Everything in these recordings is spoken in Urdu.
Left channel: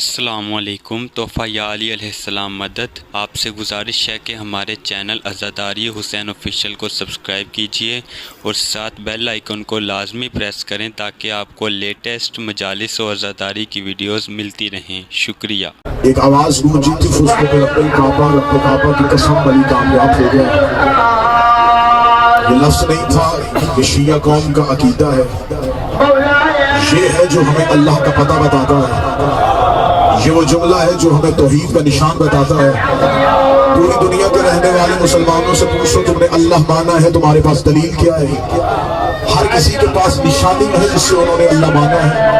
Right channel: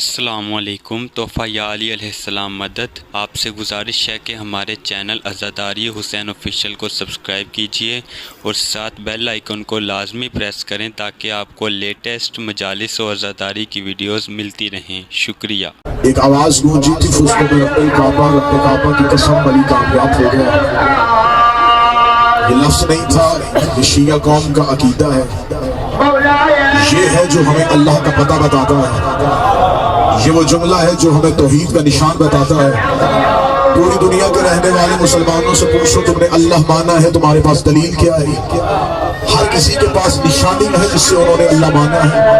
السلام علیکم۔ تحفہ یا علی علیہ السلام مدد۔ آپ سے گزارش ہے کہ ہمارے چینل عزاداری حسین آفیشیل کو سبسکرائب کیجئے اور ساتھ بیل آئیکن کو لازمی پریس کریں تاکہ آپ کو لیٹسٹ مجالس و عزاداری کی ویڈیوز ملتی رہیں۔ شکریہ۔ ایک آواز گونجی تھی فسکو میں رب کعبہ کی قسم بڑی کامیاب ہو گیا۔ یہ لفظ نہیں تھا، یہ شیعہ قوم کا عقیدہ ہے، یہ ہے جو ہمیں اللہ کا پتہ بتاتا ہے، یہ وہ جملہ ہے جو ہمیں توحید کا نشان بتاتا ہے۔ پوری دنیا کے رہنے والے مسلمانوں سے پوچھو تم نے اللہ مانا ہے، تمہارے پاس دلیل کیا ہے؟ ہر کسی کے پاس نشانی ہے جس سے انہوں نے اللہ مانا ہے۔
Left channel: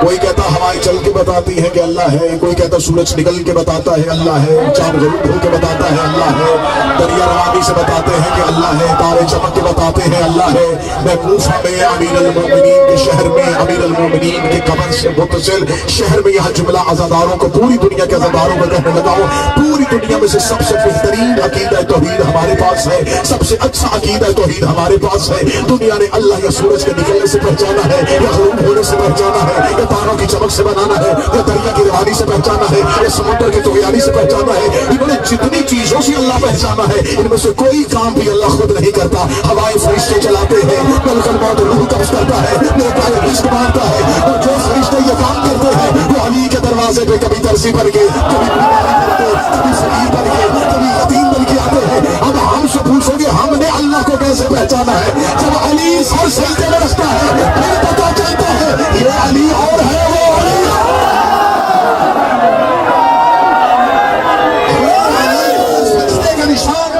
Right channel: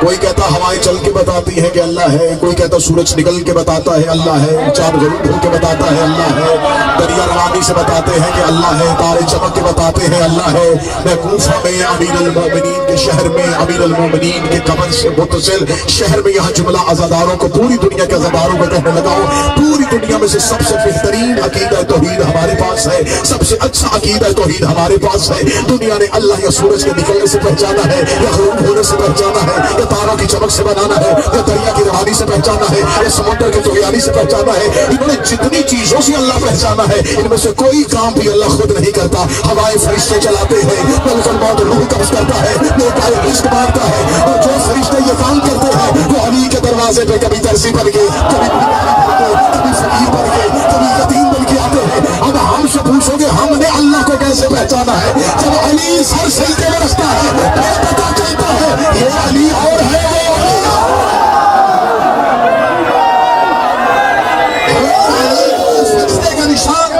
کوئی کہتا ہوائیں چل کے بتاتی ہے کہ اللہ ہے، کوئی کہتا سورج نکل کے بتاتا ہے اللہ ہے، چاند غروب ہو کے بتاتا ہے اللہ ہے، دریا روانی سے بتاتے ہیں کہ اللہ ہے، تارے چمک کے بتاتے ہیں اللہ ہے۔ میں کوفہ میں امیر المومنین کے شہر میں، امیر المومنین کے قبر سے متصل شہر میں یہ جملہ عزاداروں کو، پوری دنیا کے عزاداروں کو کہنے لگا ہوں، پوری دنیا میں سے سب سے بہترین عقیدہ توحید ہمارے پاس ہے، سب سے اچھا عقیدہ توحید ہمارے پاس ہے۔ دنیا نے اللہ یا سورج کے نکلنے سے پہچانا ہے، یا غروب ہونے سے پہچانا ہے، یا تاروں کی چمک سے بنانا ہے، یا دریا کی روانی سے پہچانا ہے، یا سمندر کی طغیانی سے پہچانا ہے۔ انہوں نے جتنی چیزوں سے اللہ پہچانا ہے، ان میں سے کوئی کام بھی اللہ خود نہیں کرتا۔ ہوائیں فرشتے چلاتے ہیں، ملک الموت روح قبض کرتا ہے، نیکائے رزق مانگتا ہے، اور جو فرشتے یہ کام کرتے ہیں وہ علی کے دروازے پہ کبھی درسی بن کے، کبھی کبھی فقیر بن کے، کبھی یتیم بن کے آتے ہیں۔ اب ہم سے پوچھو گے ہم نے اللہ کو کیسے پہچانا ہے؟ جب علی سر سجدے میں رکھتا ہے پھر پتہ چلتا ہے یہ علی اور ہے وہ علی۔ سجدے کا نشان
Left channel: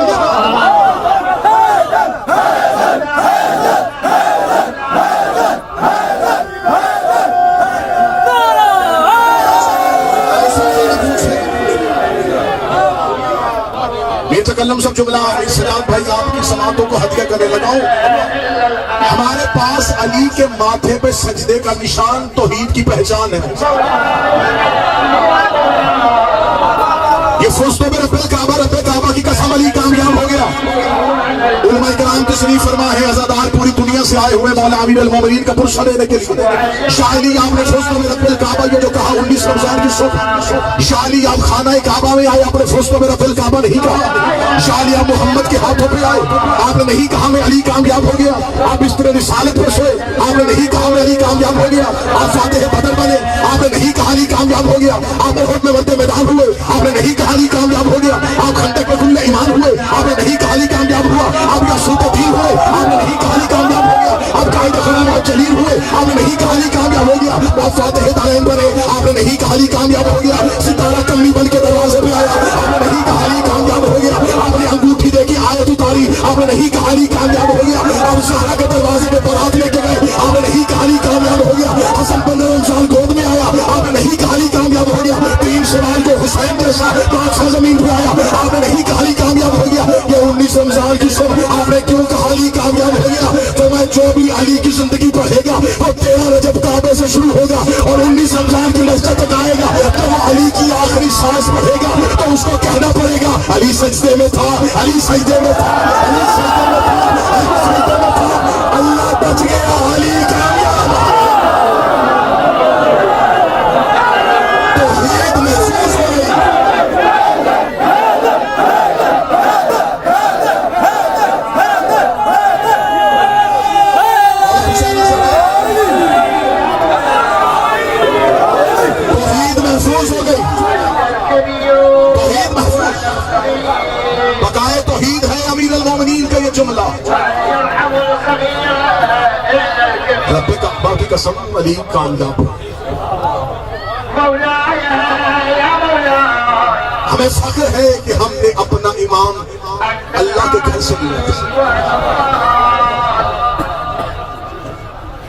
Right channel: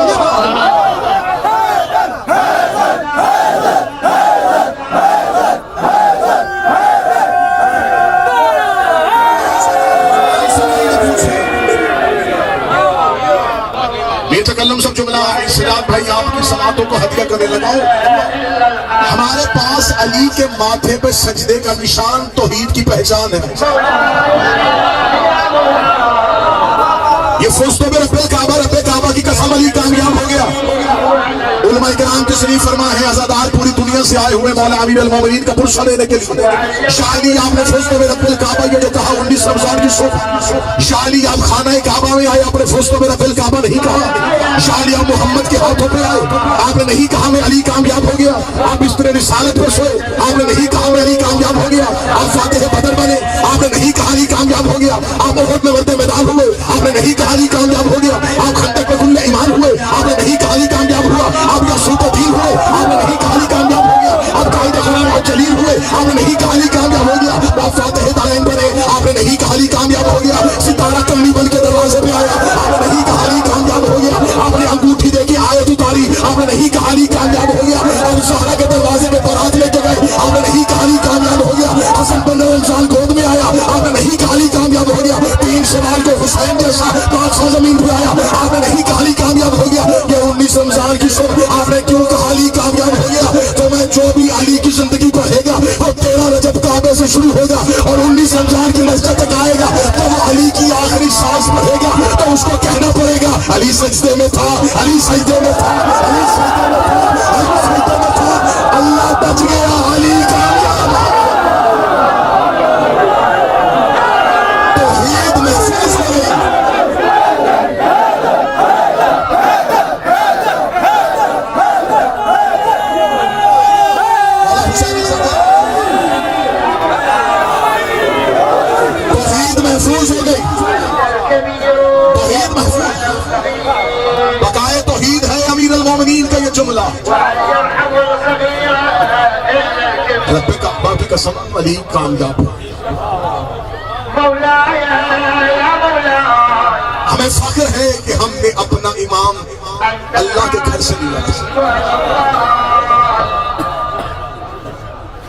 یہ تکلم سب جملہ ہے۔ سجاد بھائی آپ کی صلاتوں کو ہدیہ کرنے لگاؤں۔ ہمارے پاس علی کے ماتھے پہ سجدے کا نشان توحید کی پہچان ہے۔ یہ فزتو برب الکعبہ، رب کعبہ کی قسم علی کامیاب ہو گیا۔ علماء کرام تشریف فرما ہے، عزادار پوری دنیا سے آئے ہوئے مولا امیر المومنین کا پرسہ لینے کے لیے۔ شاہ علی آپ نے فزتو برب الکعبہ یہ جو کہا 19 رمضان کی صبح، شاہ علی آپ خانہ کعبہ میں آئے، آپ نے فزتو برب الکعبہ نہیں کہا۔ شاہ علی آپ محمد کے ہاتھوں پہ آئے، آپ نے نہیں کہا میں علی کامیاب ہو گیا۔ آپ بستر رسالت پر سوئے، آپ نے نہیں کہا میں علی کامیاب ہو گیا۔ آپ فاتح بدر بنے، آپ نے نہیں کہا علی کامیاب ہو گیا۔ آپ احد میں ورد میدان ہوئے، آپ نے نہیں کہا علی کامیاب ہو گیا۔ آپ خندق میں گل ایمان ہوئے، آپ نے نہیں کہا علی کامیاب ہوا۔ آپ یاسوت دین ہوئے، آپ نے نہیں کہا علی کامیاب ہو گیا۔ آپ قائد خلال اور جلیل ہوئے، آپ نے نہیں کہا علی کامیاب ہو گیا۔ آپ فاتح دائن بنے، آپ نے نہیں کہا علی کامیاب ہو گیا۔ ستارہ کمی بن کے دروازے پہ آیا، آپ نے نہیں کہا علی کامیاب ہو گیا۔ آپ نے انگوٹھی دے کے آیت اتاری، آپ نے نہیں کہا علی کامیاب ہو گیا۔ آپ زہرا کے دروازے پہ بارات لے کے گئے، آپ نے نہیں کہا علی کامیاب ہو گیا۔ حسن بن رمضان گود میں آیا، آپ نے نہیں کہا علی کامیاب ہو گیا۔ 3 سوال کو حسین جیسا 500 زمین پہ آیا، آپ نے نہیں کہا علی کامیاب ہو گیا۔ یہ 19 رمضان کی صبح آپ نے کیوں کہا علی کامیاب ہو گیا؟ تو میں جو بھی علی کی زندگی پڑھے گا وہ 13 رجب کعبے سے شروع ہوگا اور 19 رمضان کی مسجد تک آئے گا، تو وہ علی کی آخری سانس پڑھے گا تو اس کو کہنا پڑے گا علی سجدے میں تھا، علی سجدے میں تھا، علی سجدے میں تھا، علی سجدے میں تھا، اللہ بچ گیا، علی کامیاب۔ توحید محفوظ ہو گئی۔ توحید محفوظ ہو گئی، توحید محفوظ۔ بقائے توحید ہے امیر المومنین کا یہ جملہ۔ رب کعبہ کی قسم علی کامیاب ہو۔ ہمیں فخر ہے کہ ہم نے اپنا امام اللہ کے گھر سے لیا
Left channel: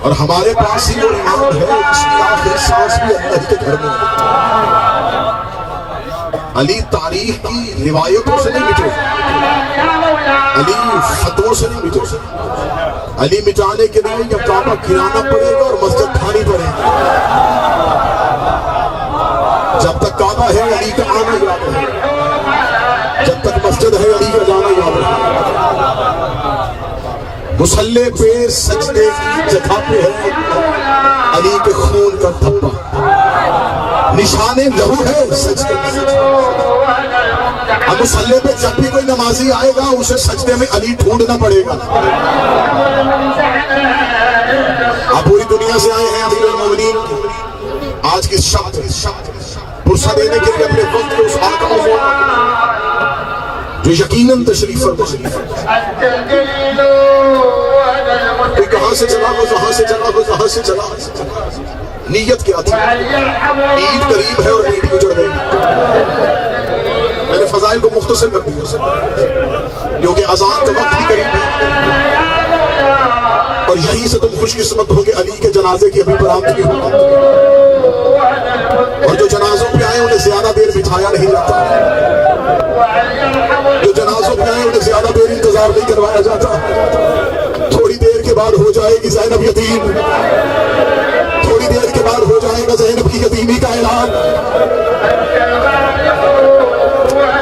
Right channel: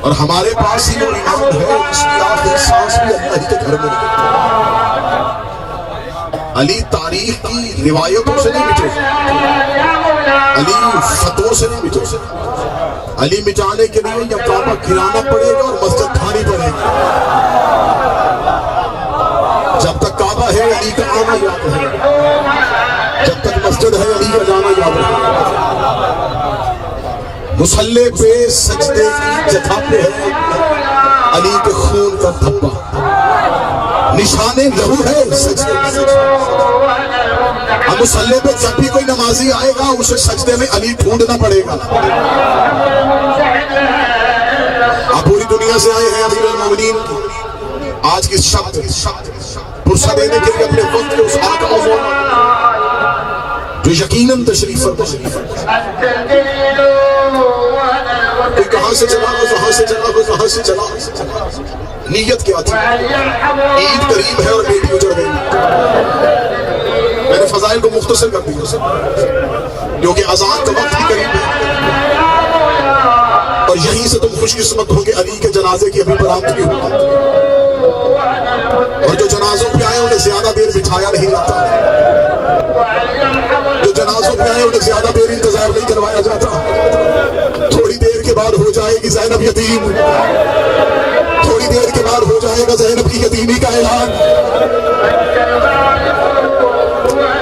اور ہمارے پاس ہی وہ امام ہے جس کی آخری سانس بھی اللہ کے گھر میں ہے۔ علی تاریخ کی روایتوں سے نہیں مٹے، علی فتووں سے نہیں مٹے۔ علی مٹانے کے لیے جب کعبہ گرانا پڑے گا اور مسجد ڈھانی پڑے گی۔ جب تک کعبہ ہے علی کا آنا یاد ہے، جب تک مسجد ہے علی کا جانا یاد ہے۔ مصلی پہ سجدے کی جگہ پہ ہے علی کے خون کا دھبا، نشان لہو ہے سجدے میں. اب مصلی پہ جب بھی کوئی نمازی آئے گا اسے سجدے میں علی ڈھونڈنا پڑے گا. آپ پوری دنیا سے آئے ہیں امیر المومنین آج کی شب پرسہ دینے کے لیے اپنے وقت کے اس آقا کو جو یقیناً تشریف فرما. کوئی کہاں سے چلا کوئی کہاں سے چلا کوئی کہاں سے چلا. نیت کیا تھی؟ عید قریب ہے اور عید گزر گئی. میں نے فضائل کو مختصر کر دیا کیونکہ اذان کا وقت بھی قریب ہے اور یہیں سے تم خوش قسمت ہو کہ علی کے جنازے کی ابھی برآمدگی ہوگی. اور جو جنازوں پہ آئے انہیں زیادہ دیر بٹھایا نہیں جاتا. جو جنازوں پہ آئے انہیں زیادہ دیر انتظار نہیں کروایا جاتا. تھوڑی دیر کے بعد ہو جائے گی زینب یتیم. تھوڑی دیر کے بعد ہو جائے گا زینب کی یتیمی کا اعلان.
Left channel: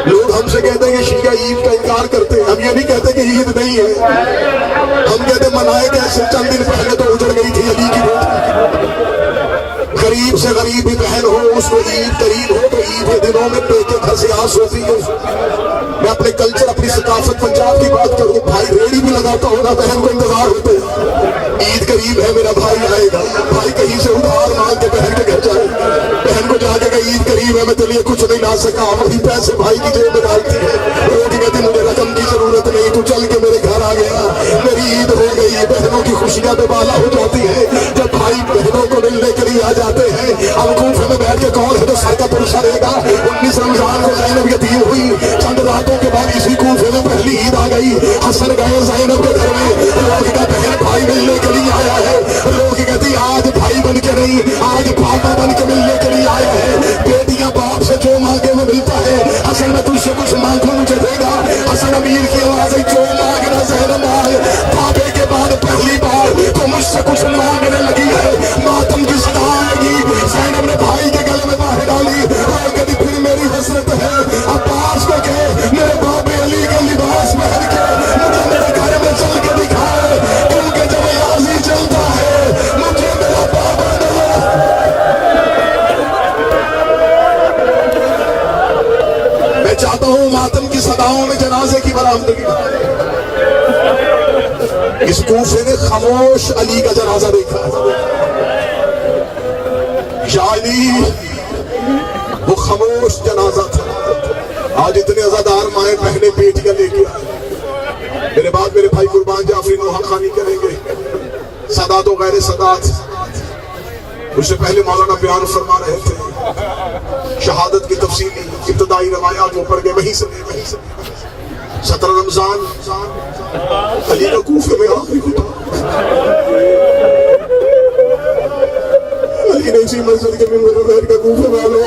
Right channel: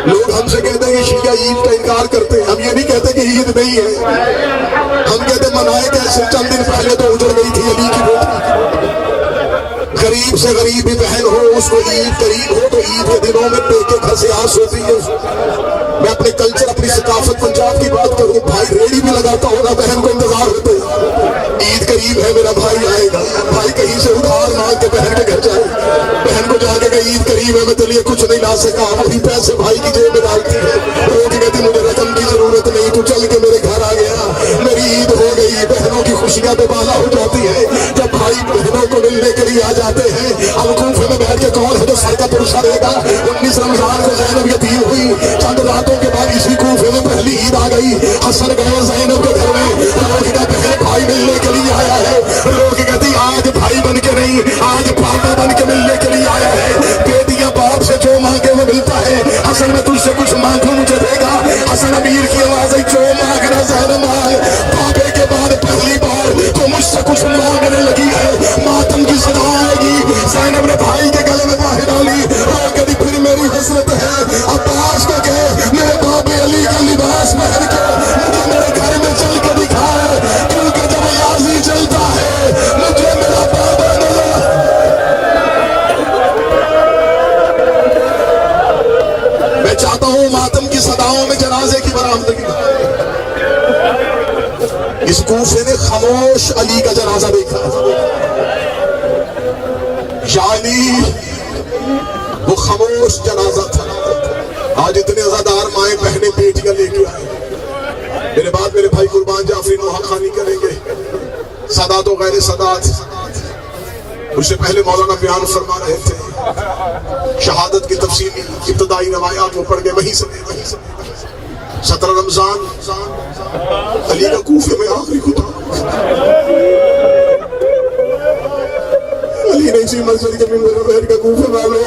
لوگ ہم سے کہتے ہیں کہ شیعہ عید کا انکار کرتے ہیں. ہم یہ نہیں کہتے کہ عید نہیں ہے. ہم کہتے منائے کیسے چند دن پہلے تو اجڑ گئی تھی علی کی روٹی. غریب سے غریب بھی بہن ہو اس کو عید قریب ہو تو عید کے دنوں میں پیٹے گھر سے آس ہوتی ہے. میں اپنے کلچر اپنی ثقافت پنجاب کی بات کروں. بھائی ریڑی بھی لگاتا ہوگا بہن کو انتظار ہوتا ہے عید قریب ہے میرا بھائی آئے گا. بھائی کہیں سے ادھار مانگ کے بہن کے گھر جائے. بہن کو جا کے کہ عید قریب ہے میں تو لیے کچھ نہیں لا سکا. وہی پیسے بھائی کی جیب میں ڈالتی ہے. روٹی کہتی مجھے رقم کی ضرورت نہیں تو چل کے میرے گھر آ گیا میری عید ہو گئی. بہنوں کی خوشیاں بے بالا ہو جاتی ہے جب بھائی بہنوں کو ملنے کے لیے آ جاتے ہیں. اب کوفے میں بیٹھ کے کون ہے تو سر کا پرسہ دے گا. 19 رمضان کو زینب یتیم ہوئی. چند راتوں کے بعد اسی کوفے میں پہلی عید آ گئی. حسن گئے زینب کے گھر میں. لوگ کا بہن بھائی ملنے کے لیے آیا ہے. لوگ کہتی آج بھائی بن کے نہیں آج پاپا بن کے ملنے کے لیے آیا ہے. بیٹیاں باپ سے جو مانگے وہ ملتا ہے. حسن میں تجھ سے کچھ مانگوں مجھے دے گا. حسن امیر کی آواز ہے جو مانگنا زینب مانگ. پاپے کے بعد پہلی بار تو مجھ سے کچھ مانگنے لگی ہے. ماتم کی صدا لگی. زینب نے بھائی کے گلے میں باہر ڈالی اور کہتی پھر میری حسرت ہے عباس کو کہ میرے باپ علی کا لباس پہن کے مجھے میرے گھر میں چل کے دکھائے کیونکہ جب یازی چلتا ہے مجھے میرا بابا نظر. میں چاہتا ہوں ماتم کی صداؤں میں جنازے کی برآمدگی. اس کوفے نے خاموش علی کا جنازہ دیکھا. یعنی وہ خاموش جنازہ تھا. آج اتنے عزادار مائیں بہنیں بیٹیاں لے کے آئے. میرے بعد میرے بھائی قربان جعفری نوحہ خوانی کریں گے. سادات و غیر سادات اس سے پہلے مولانا بیان فرما رہے تھے. شہادت کی تفصیلی ابتدائی روایات وہ پڑھ گئے. وہیں سے 17 رمضان علی کا کوفے میں آخری خطبہ. علی نے اسی مسجد کے منبر میں بیٹھ کے کوفے میں لو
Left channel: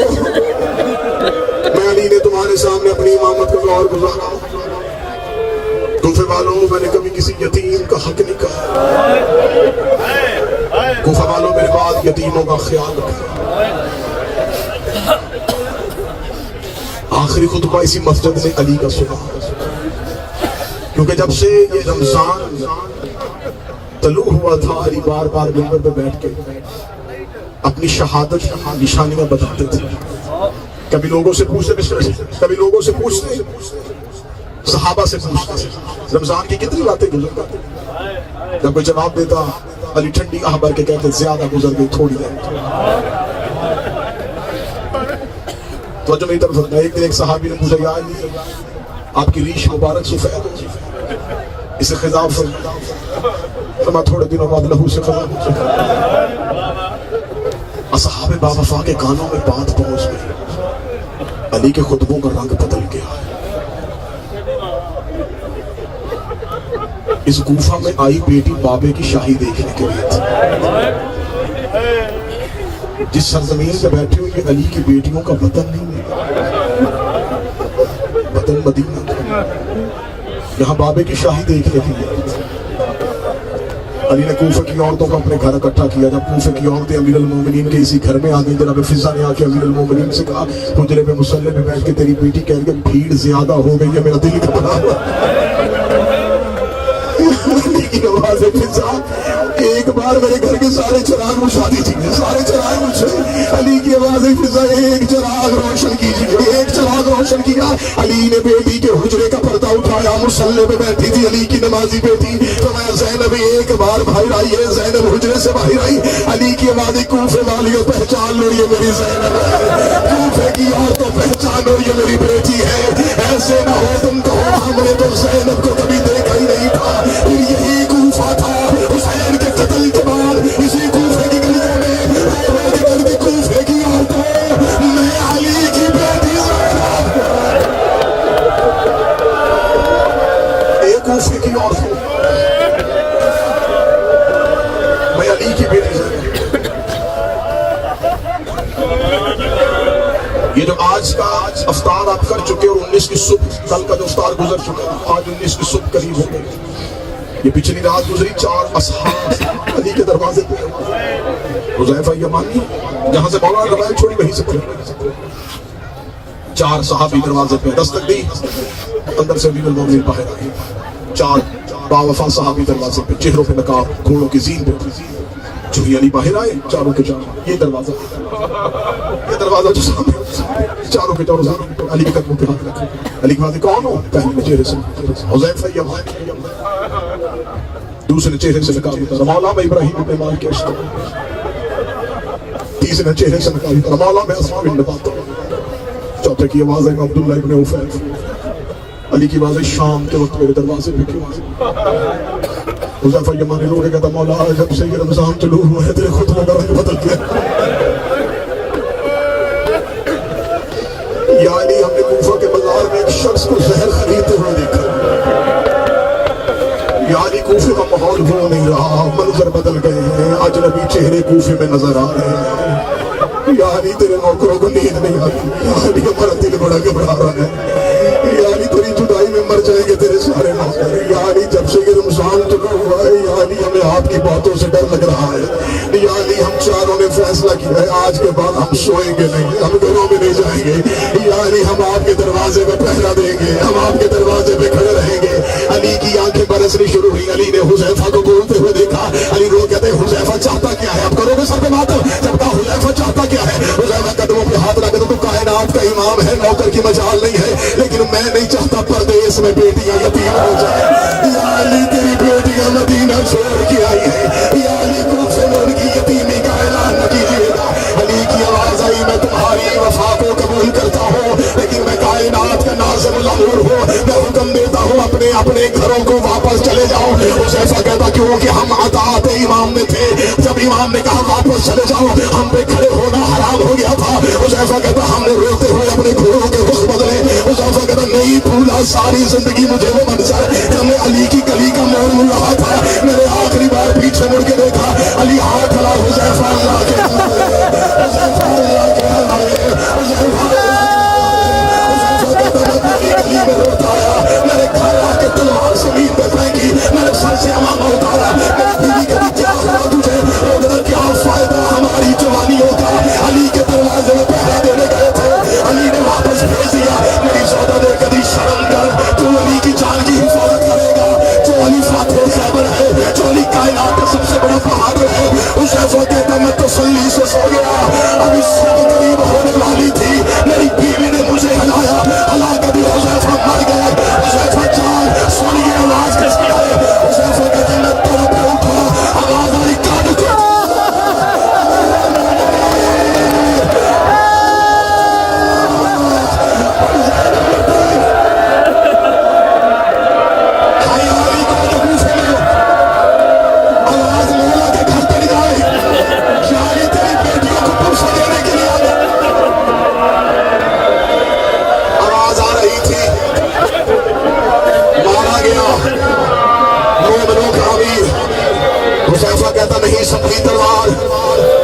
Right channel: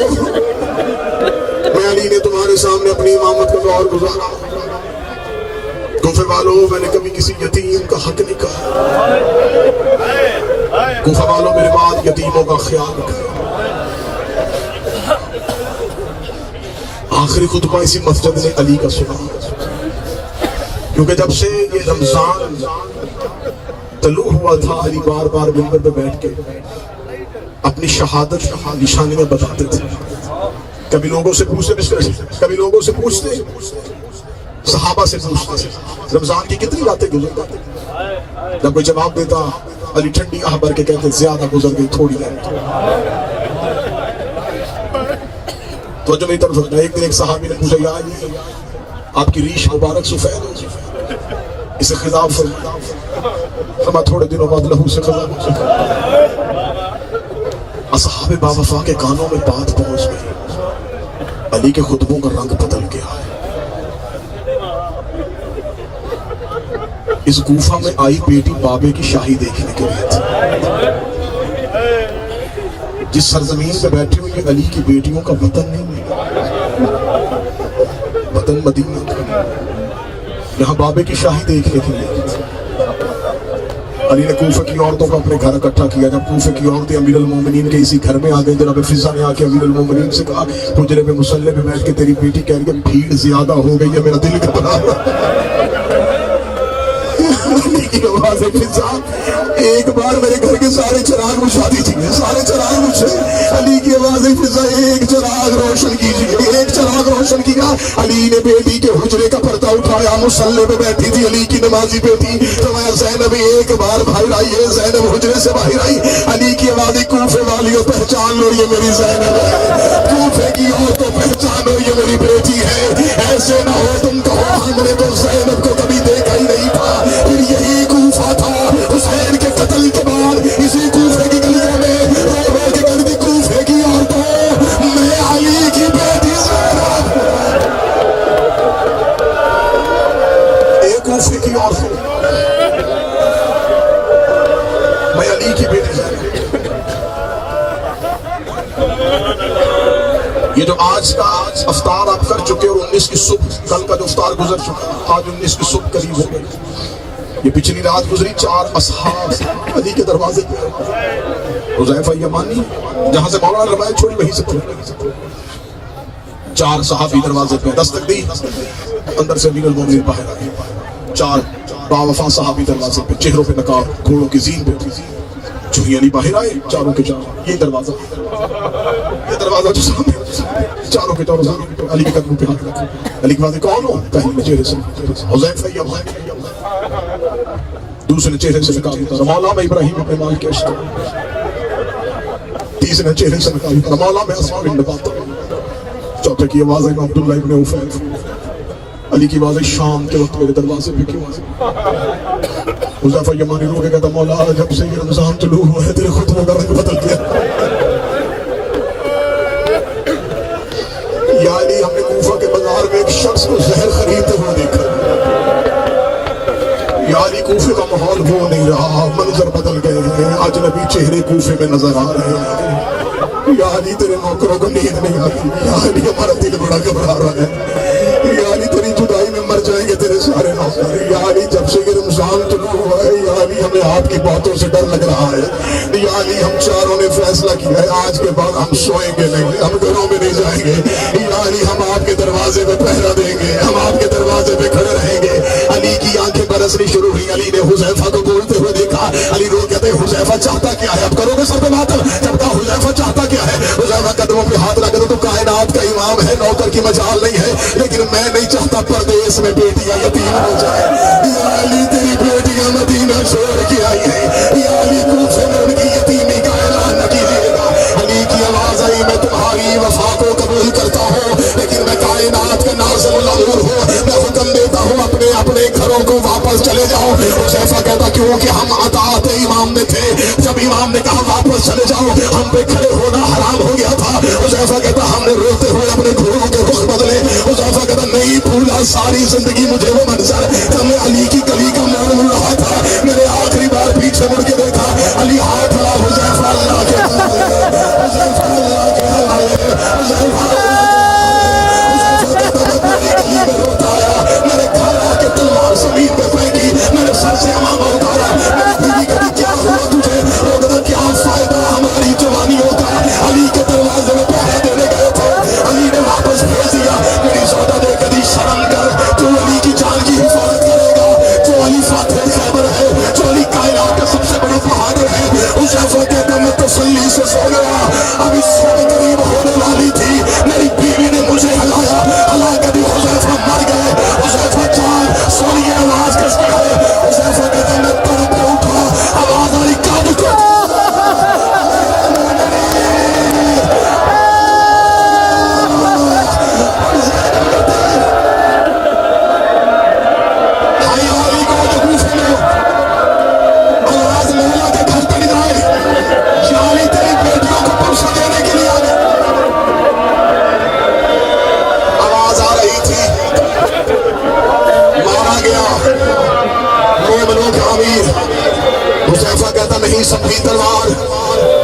میں علی نے تمہارے سامنے اپنی امامت کا غور گزارا. کوفے والوں میں نے کبھی کسی یتیم کا حق نہیں کہا. کوفے والوں میرے بعد یتیموں کا خیال رکھا. آخری خطبہ اسی مسجد نے علی کا سنا کیونکہ جب سے یہ رمضان طلوع ہوا تھا علی بار بار منبر پہ بیٹھ کے اپنی شہادت کی نشانیاں بتاتے تھے. کبھی لوگوں سے پوچھتے صحابہ سے پوچھتے رمضان کی کتنی باتیں گزر گئی. جب کوئی جواب دیتا علی ٹھنڈی آہ بھر کے کہتے زیادہ گزر گئی تھوڑی ہے. تو جو میری طرف ایک دن ایک صحابی نے پوچھا یا علی آپ کی ریش مبارک سفید ہو اسے خضاب فرما تھوڑے دنوں بعد لہو سے خضاب ہو. اصحاب باوفا کے کانوں میں بات پہنچ گئی. علی کے خطبوں کا رنگ بدل گیا. اس کوفہ میں آئی بیٹی بابے کی شاہی دیکھنے کے لیے تھی. جس سرزمین پہ بیٹھے ہوئے علی کی بیٹیوں کا وطن نہیں ہے وطن مدینہ. یہاں بابے کی شاہی دیکھنے کے لیے علی نے کوفہ کی عورتوں کو اپنے گھر اکٹھا کیا. جب کوفہ کی عورتیں امیر المومنین کے اسی گھر میں آ گئی جناب فضا نے آ کے امیر المومنین سے کہا حجرے پہ مصلی پہ بیٹھ کے تیری بیٹی کہہ رہی ہے بھیڑ زیادہ ہو گئی ہے میرا دل گھبرا. ایک بار میرے گھر کے سارے چراغ بجھا دیجیے، سارے چراغ بجھے، علی کی آواز فضا، ایک چراغ روشن کیجیے، ایک چراغ روشن کیا۔ علی نے بیٹی کے حجرے کا پردہ اٹھایا، مصلی پہ بیٹھی تھی علی کی نمازی بیٹی، فرمایا زینب ایک بار باہر آئی ہے۔ زینب حجرے سے باہر آئی، علی کی آواز کوفے والیوں پہچان لو یہ میری زینب ہے، کوفے کی عورتوں پہچان لو یہ میری بیٹی ہے، ایسے نہ ہو تم کہو ہم نے تو زینب کو کبھی دیکھا ہی نہیں تھا۔ پھر یہی کوفہ تھا حسین کے قتل کے بعد، اسی کوفے کی گلیوں میں کوفے کی عورتوں میں علی کی بیٹی زینب، ایک کوفے کی عورت میں علی کی بیٹی زینب۔ یہ جو آج کا افطار آپ کر چکے اور 19 کی صبح، کل کا جو افطار گزر چکا، آج 19 کی صبح قریب ہو گئی، یہ پچھلی رات گزری 4 اصحاب علی کے دروازے پہ، حذیفہ یمانی جہاں سے مولانا روایت چھوڑی وہیں سے پڑھی، 4 صحابی دروازے پہ دستک دی، اندر سے امیر المومنین باہر آئے، 4 باوفا صحابی دروازے پہ، چہروں پہ نقاب، گھوڑوں کی زین پہ، چوہی علی باہر آئے، چاروں کے چاروں، یہ دروازہ جو سامنے، چاروں کے چاروں سامنے، علی کے قدموں پہ ہاتھ رکھے، علی کے بعد کون ہو؟ پہلے چہرے سے حذیفہ یمانی، دوسرے چہرے سے نقاب اتارا مولانا ابراہیم بن مالک کے اشتر، تیسرے چہرے سے نقاب اتارا مولانا اسماء بن نبات، چوتھے کی آواز ہے عبداللہ ابن عفیف، علی کی آواز شام کے وقت میرے دروازے پہ کیوں آئے؟ حذیفہ یمانی رو کے کہتا مولا جب سے یہ رمضان طلوع ہوا ہے تیرے خطبوں کا رنگ بدل گیا، یعنی ہم نے کوفہ کے بازار میں ایک شخص کو زہر خریدتے ہوئے دیکھا، یعنی کوفے کا ماحول وہ نہیں رہا، منظر بدل گئے ہیں، اجنبی چہرے کوفے میں نظر آ رہے ہیں، یعنی تیرے نوکروں کو نیند نہیں آتی، یعنی ہمارا دل بڑا گھبرا رہا ہے، یعنی تیری جدائی میں مر جائیں گے تیرے سارے نوکر، یعنی جب سے یہ رمضان طلوع ہوا ہے، یعنی ہمیں آپ کی باتوں سے ڈر لگ رہا ہے، یعنی ہم چاروں نے فیصلہ کیا ہے آج کے بعد ہم سوئیں گے نہیں، ہم گھروں میں نہیں جائیں گے، یعنی ہم آپ کے دروازے پہ پہرا دیں گے، ہم آپ کے دروازے پہ کھڑے رہیں گے۔ علی کی آنکھیں برسنی شروع ہوئی، علی نے حذیفہ کو بولتے ہوئے دیکھا، علی رو کہتے حذیفہ چاہتا کیا ہے؟ اب کرو گے سر پہ ماتم، جب کہا حذیفہ چاہتا کیا ہے؟ حذیفہ قدموں پہ ہاتھ رکھ دو، تو کائنات کا امام ہے، نوکر کی مجال نہیں ہے، لیکن میں نہیں چاہتا پردیس میں بیٹیاں یتیم ہو جائیں، یا علی تیری بیٹیاں مدینہ چھوڑ کے آئی ہیں، یا علی کوفے میں ان کی یتیمی کا اعلان نہ کیجیے گا۔ علی کی آواز آئی میں تمہاری وفا کو قبول کرتا ہوں، لیکن میں کائنات کا نازل الامور ہوں، میں حکم دیتا ہوں اپنے اپنے گھروں کو واپس چلے جاؤ۔ حذیفہ کہتا کیوں کہ ہم اطاعت امام میں تھے، جب امام نے کہا واپس چلے جاؤ ہم پہ کھڑے ہونا حرام ہو گیا تھا۔ حذیفہ کہتا ہم نے روتے ہوئے اپنے گھوڑوں کے رخ بدلے۔ حذیفہ کہتا نہیں بھولا ساری زندگی مجھے وہ منظر جب میں علی کی گلی کا موڑ مڑ رہا تھا، میں نے آخری بار پیچھے مڑ کے دیکھا علی ہاتھ کھڑا، حذیفہ اللہ کے حوالے، حذیفہ اللہ کے حوالے، حذیفہ گلی میں روتا آیا، میں نے گھر آ کے تلوار زمین پہ پھینکی، میں نے سر سے امامہ اتارا، میری بیوی کہتی کیا ہوا تجھے؟ وہ کہتا کیا فائدہ ہماری جوانی ہوتا ہے، علی کے دروازے میں پہرا دینے گئے تھے، علی نے واپس بھیج دیا۔ میری سودا نے کہتی شرم کر، تو علی کی جان کی حفاظت کرے گا، جو علی فاتح خیبر ہے، جو علی کائنات کا سب سے بڑا بہادر ہے۔ حذیفہ کہتا میں تسلی سے سو گیا، اب اس سے قریب ہونے والی تھی، میری بیوی نے مجھے ہلایا، ہلا کے بھی حذیفہ مر گئے۔ حذیفہ جان سنیے آواز کس کی ہے؟ حذیفہ کہتا میں پر پہ اٹھا، آواز آئی کاٹ کے حذیفہ کہتا نہیں سنبھلی تلوار،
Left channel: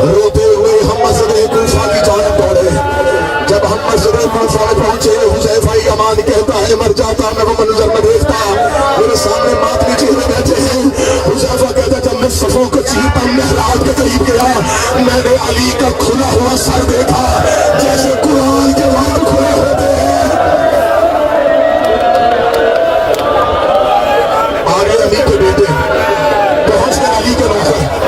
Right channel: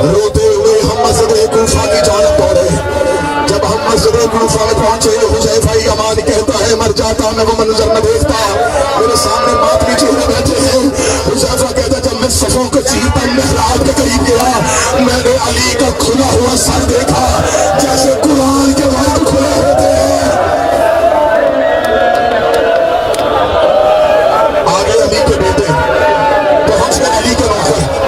روتے ہوئے ہم مسجد کوفہ کی جانب دوڑے۔ جب ہم مسجد کوفہ میں پہنچے حذیفہ یمانی کہتا ہے مر جاتا میں وہ منظر میں دیکھتا، میرے سامنے ماتمی چہرے بیٹھے ہیں۔ حذیفہ کہتا جب میں صفوں کو چیرتا محراب کے قریب گیا، میں نے علی کا کھلا ہوا سر دیکھا جیسے قرآن کے وقت کھلے ہوتے ہیں۔ آگے علی کے بیٹے پہنچ گئے، علی کے نوکر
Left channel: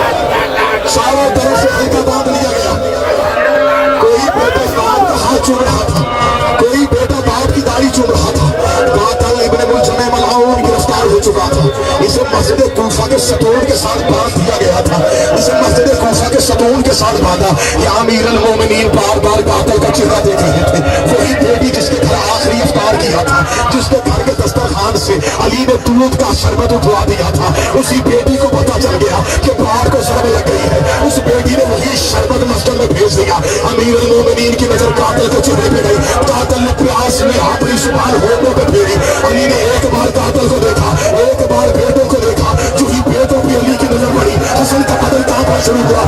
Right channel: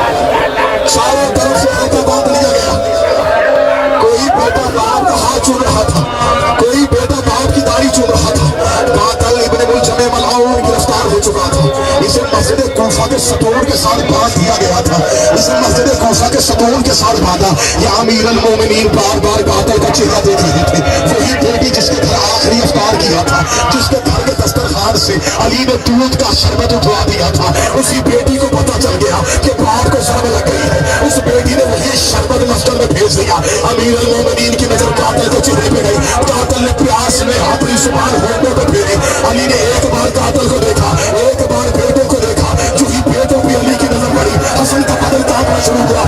ستون کے ساتھ باندھ دیا گیا تھا، اسے مسجد کوفہ کے ستون کے ساتھ باندھا کہ امیر المومنین بار بار قاتل کا چہرہ دیکھ رہے تھے. وہی بیٹی جس کے گھر آخری افطار کیا تھا، جس کے گھر کے دسترخوان سے علی نے دودھ کا شربت اٹھوا دیا تھا، اسی بیٹی کو پتا چل گیا کہ باپ کو ضرب لگ گئی ہے. اس بیٹی نے وہی شربت مسجد میں بھیج دیا. امیر المومنین کی نظر قاتل کے چہرے پہ گئی. قاتل نے پیاس میں اپنی زبان ہونٹوں پہ پھیری. علی نے ایک بار قاتل کو دیکھا، ایک بار بیٹوں کو دیکھا. جو ہی بیٹوں پہ علی کی نظر پڑی، حسن کا بدن کانپنا شروع ہوا.